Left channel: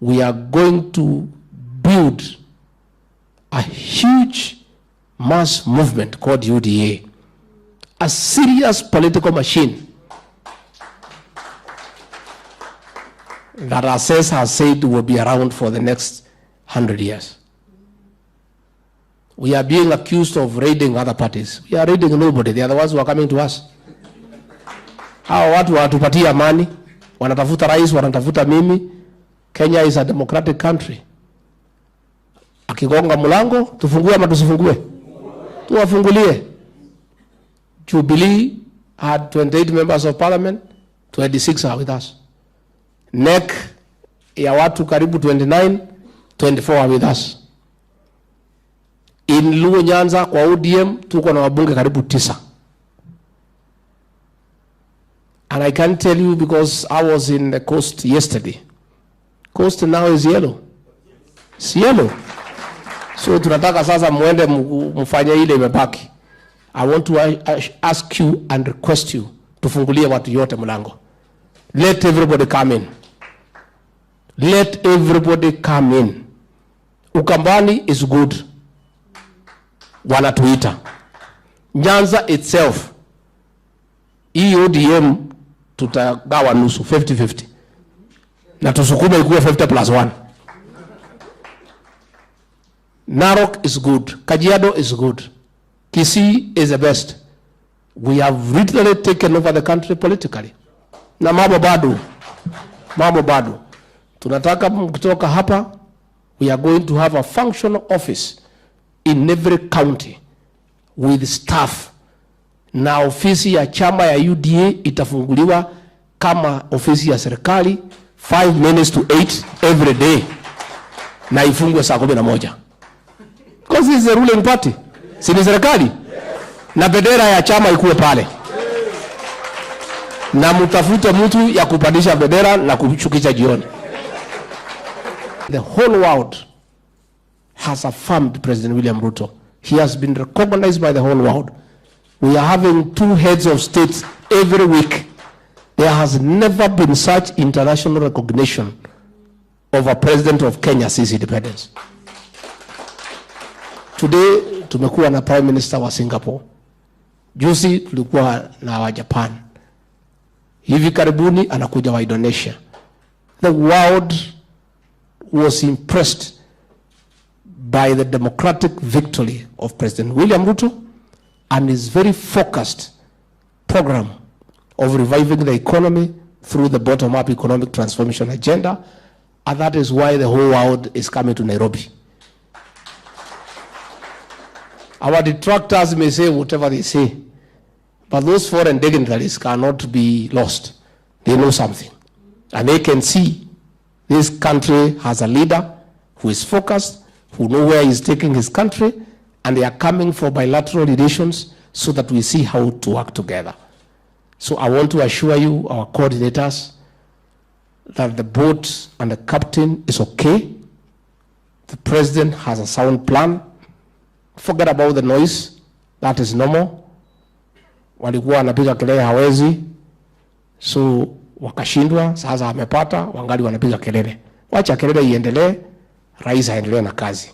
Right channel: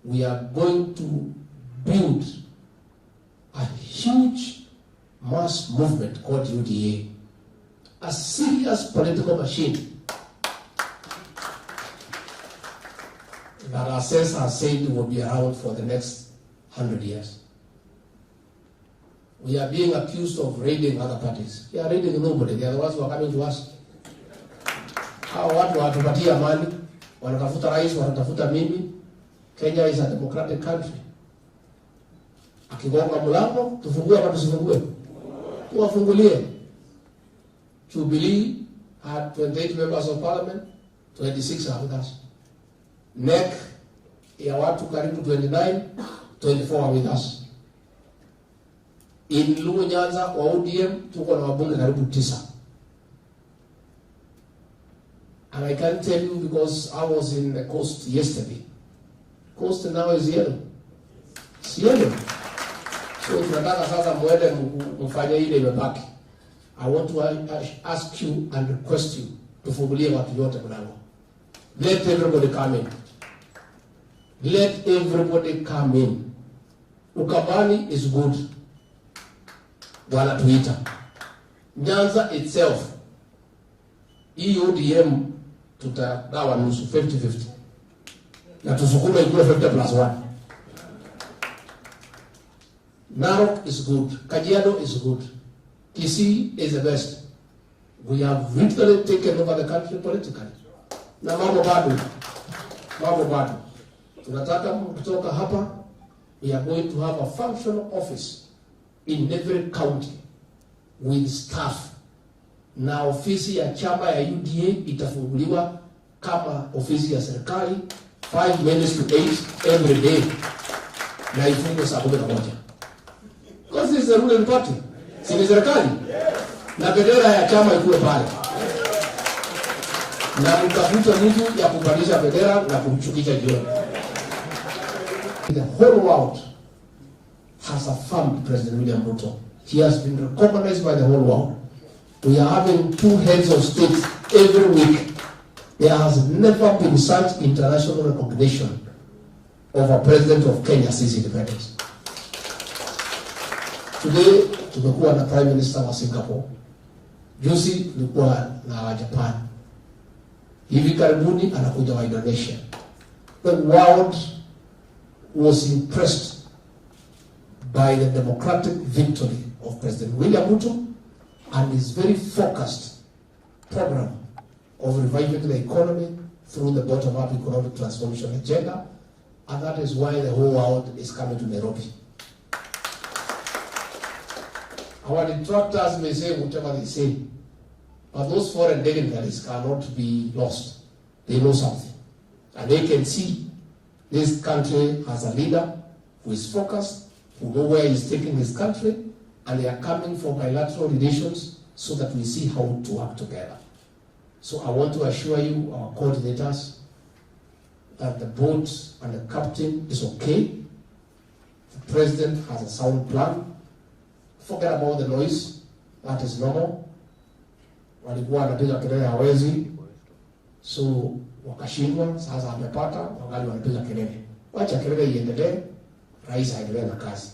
we are going to build a huge mass movement called UDA, a serious political machine that Rais has said will be around for the next 100 years. We are being accused of raiding other parties. We are raiding nobody. They are the ones who are coming to us. Hawa watu watupatia amani, wanatafuta rais, wanatafuta mimi. Kenya is a democratic country. Akigonga mlango, tufungue ama tusifungue? Tuwafungulie. Jubilee had 28 members of parliament, 26 are with us. NEC ya watu karibu 29, 24 are with us. In Luo Nyanza kwa ODM tuko na wabunge karibu 9. And I can tell you because I was in the coast yesterday. Coast now is yellow. It's yellow. So tunataka sasa muende mfanye ile imebaki. I want to ask you and request you tufungulie watu yote mlango. Let everybody come in. Let everybody come in. Ukambani is good. Wanatuita. Nyanza itself, EUDM tutagawa nusu, 50-50. Na tusukume ikuwe 50+1. Narok is good. Kajiado is good. Kisii is the best. We have literally taken over the country politically. Na mambo bado. Tunataka kutoka hapa, we are going to have a functional office in every county with staff. Na ofisi ya chama ya UDA itafunguliwa kama ofisi ya serikali 5 minutes to 8 every day. Na ifungwe saa 11. Because this is the ruling party. Si ni serikali? Na bendera ya chama ikuwe pale. Na mtafute mtu ya kupandisha bendera na kumshukisha jioni. The whole world has affirmed President William Ruto. He has been recognized by the whole world. We are having 2 heads of states every week. There has never been such international recognition of a president of Kenya since independence. Today, tumekuwa na Prime Minister wa Singapore. Juzi tulikuwa na wa Japan. Hivi karibuni anakuja wa Indonesia. The world was impressed by the democratic victory of President William Ruto and his very focused program of reviving the economy through the bottom-up economic transformation agenda, and that is why the whole world is coming to Nairobi. Our detractors may say whatever they say, but those foreign dignitaries cannot be lost. They know something, and they can see this country has a leader who is focused, who knows where he's taking his country, and they are coming for bilateral relations so that we see how to work together. So I want to assure you, our coordinators, that the boat and the captain is okay. The president has a sound plan. Forget about the noise. That is normal. Walikuwa wanapiga kelele hawezi, so wakashindwa, sasa amepata, wangali wanapiga kelele. Wacha kelele iendelee, rais aendelee na kazi.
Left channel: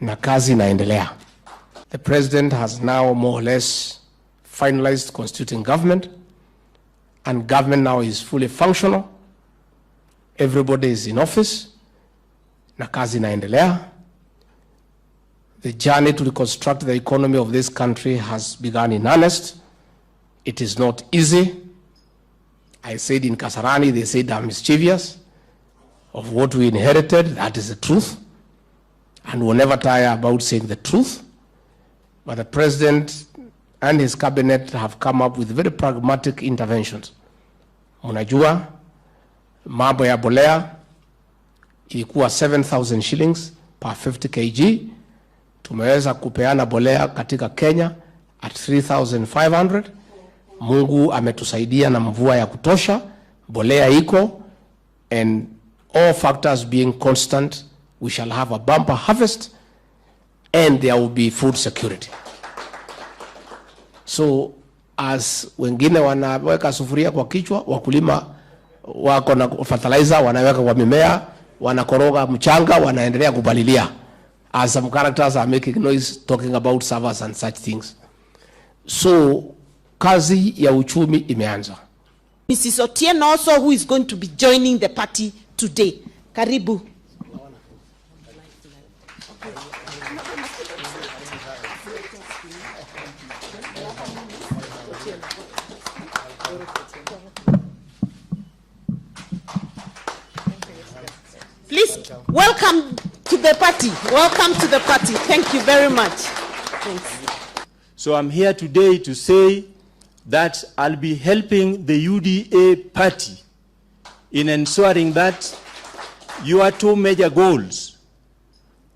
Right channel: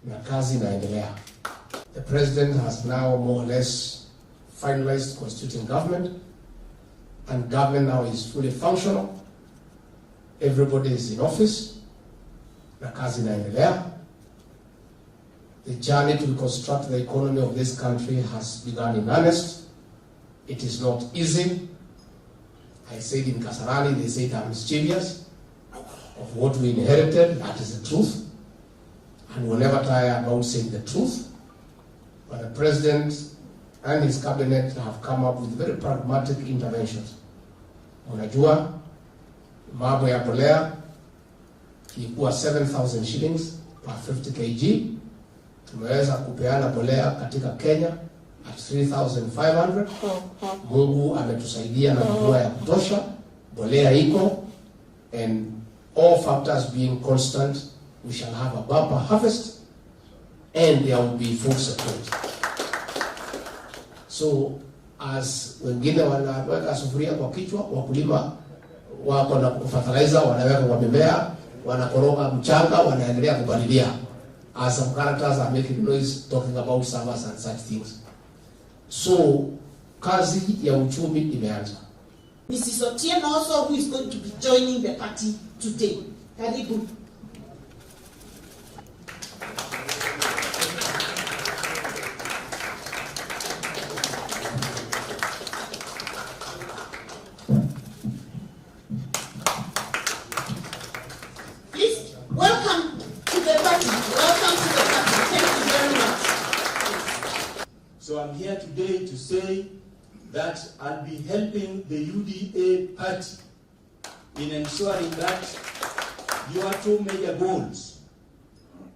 Na kazi inaendelea. The president has now more or less finalized constituting government, and government now is fully functional. Everybody is in office. Na kazi inaendelea. The journey to reconstruct the economy of this country has begun in earnest. It is not easy. I said in Kasarani, they said I'm mischievous of what we inherited. That is the truth. And we'll never tire about saying the truth. But the president and his cabinet have come up with very pragmatic interventions. Unajua, mambo ya bolea ilikuwa 7,000 shillings per 50 kg. Tumeweza kupeana bolea katika Kenya at 3,500. Mungu ametusaidia na mvua ya kutosha. Bolea iko, and all factors being constant, we shall have a bumper harvest and there will be food security. So as wengine wanaweka sufuria kwa kichwa, wakulima wako na fertilizer wanaweka kwa mimea, wanakoroga mchanga, wanaendelea kupalilia. As some characters are making noise talking about servers and such things. So kazi ya uchumi imeanza. Mrs. Otieno also, who is going to be joining the party today. Karibu. Please welcome to the party. Welcome to the party. Thank you very much. Thanks. So I'm here today to say that I'll be helping the UDA party in ensuring that your two major goals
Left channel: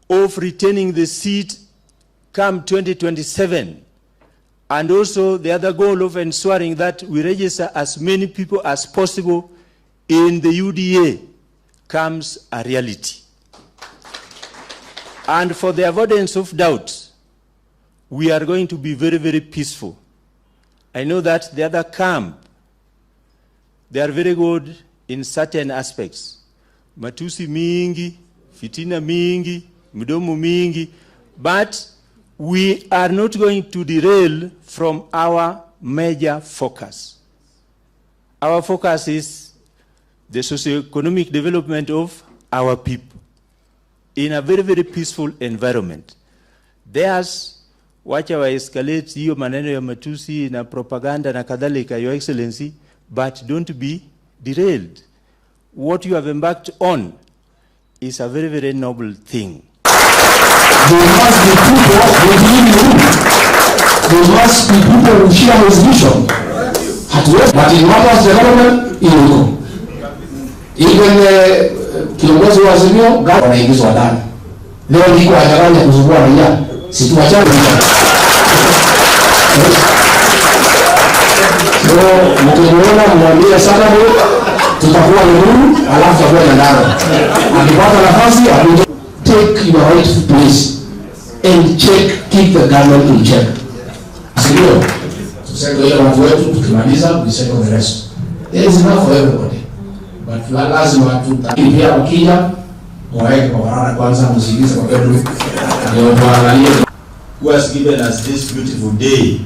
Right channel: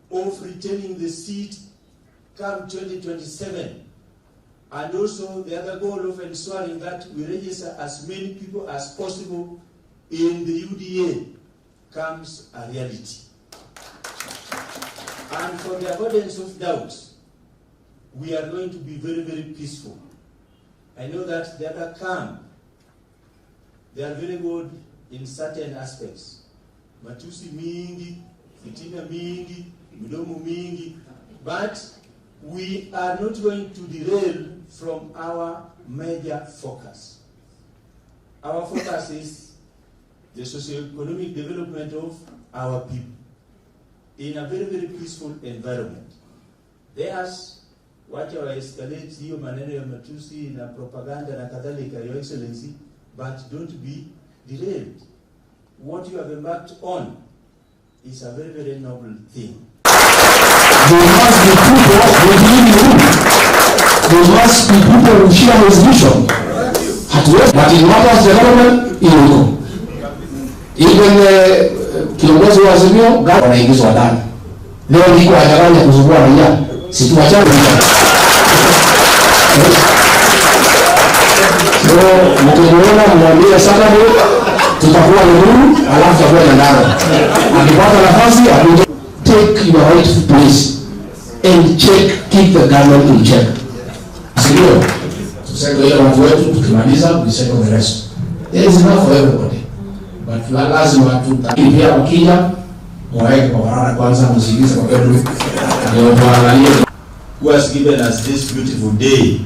of retaining the seat come 2027, and also the other goal of ensuring that we register as many people as possible in the UDA comes a reality. And for the avoidance of doubt, we are going to be very, very peaceful. I know that the other camp, they are very good in certain aspects. Matusi mingi, fitina mingi, mdomo mingi, but we are not going to derail from our major focus. Our focus is the socio-economic development of our people in a very, very peaceful environment. There's wacha wa escalate hiyo maneno ya matusi na propaganda na kadhalika, Your Excellency, but don't be derailed. What you have embarked on is a very, very noble thing. There must be people who believe in him. There must be people who share his vision. But in matters of development, he will go. Even kiongozi wa Azimio, gani wanaingizwa ndani. Leo niko hajaganya kuzungua raia. Situachane. So, mkimuona mwambie Saturday tutakuwa nuru, alafu tutakuwa ndani. Akipata nafasi akuje. Take your rightful place and check, keep the government in check. Sio, tuseme ile watu wetu tukimaliza, we settle the rest. There is enough for everybody. But lazima tutakipia ukija, mwaweke kwa barabara kwanza, msigize kwa bedroom. Ndio tuangalie. Who has given us this beautiful day.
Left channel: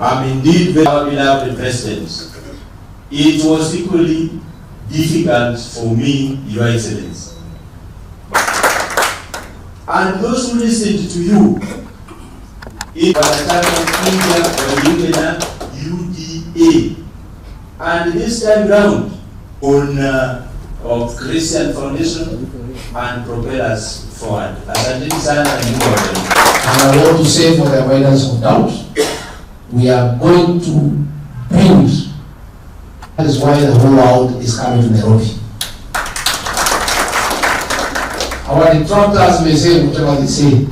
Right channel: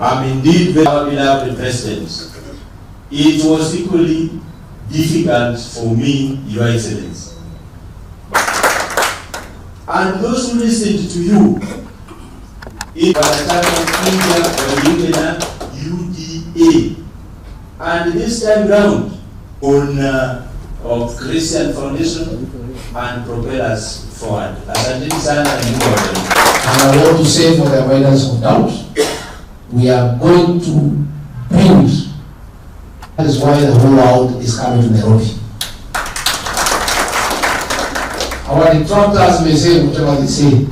I'm indeed very beloved President. It was equally difficult for me, Your Excellency. And those who listened to you, it was a UDA. And this time round, on of Christian Foundation and propel us forward. And I want to say, for the avoidance of doubt, we are going to build. That is why the whole world is coming to Nairobi. Our detractors may say whatever they say.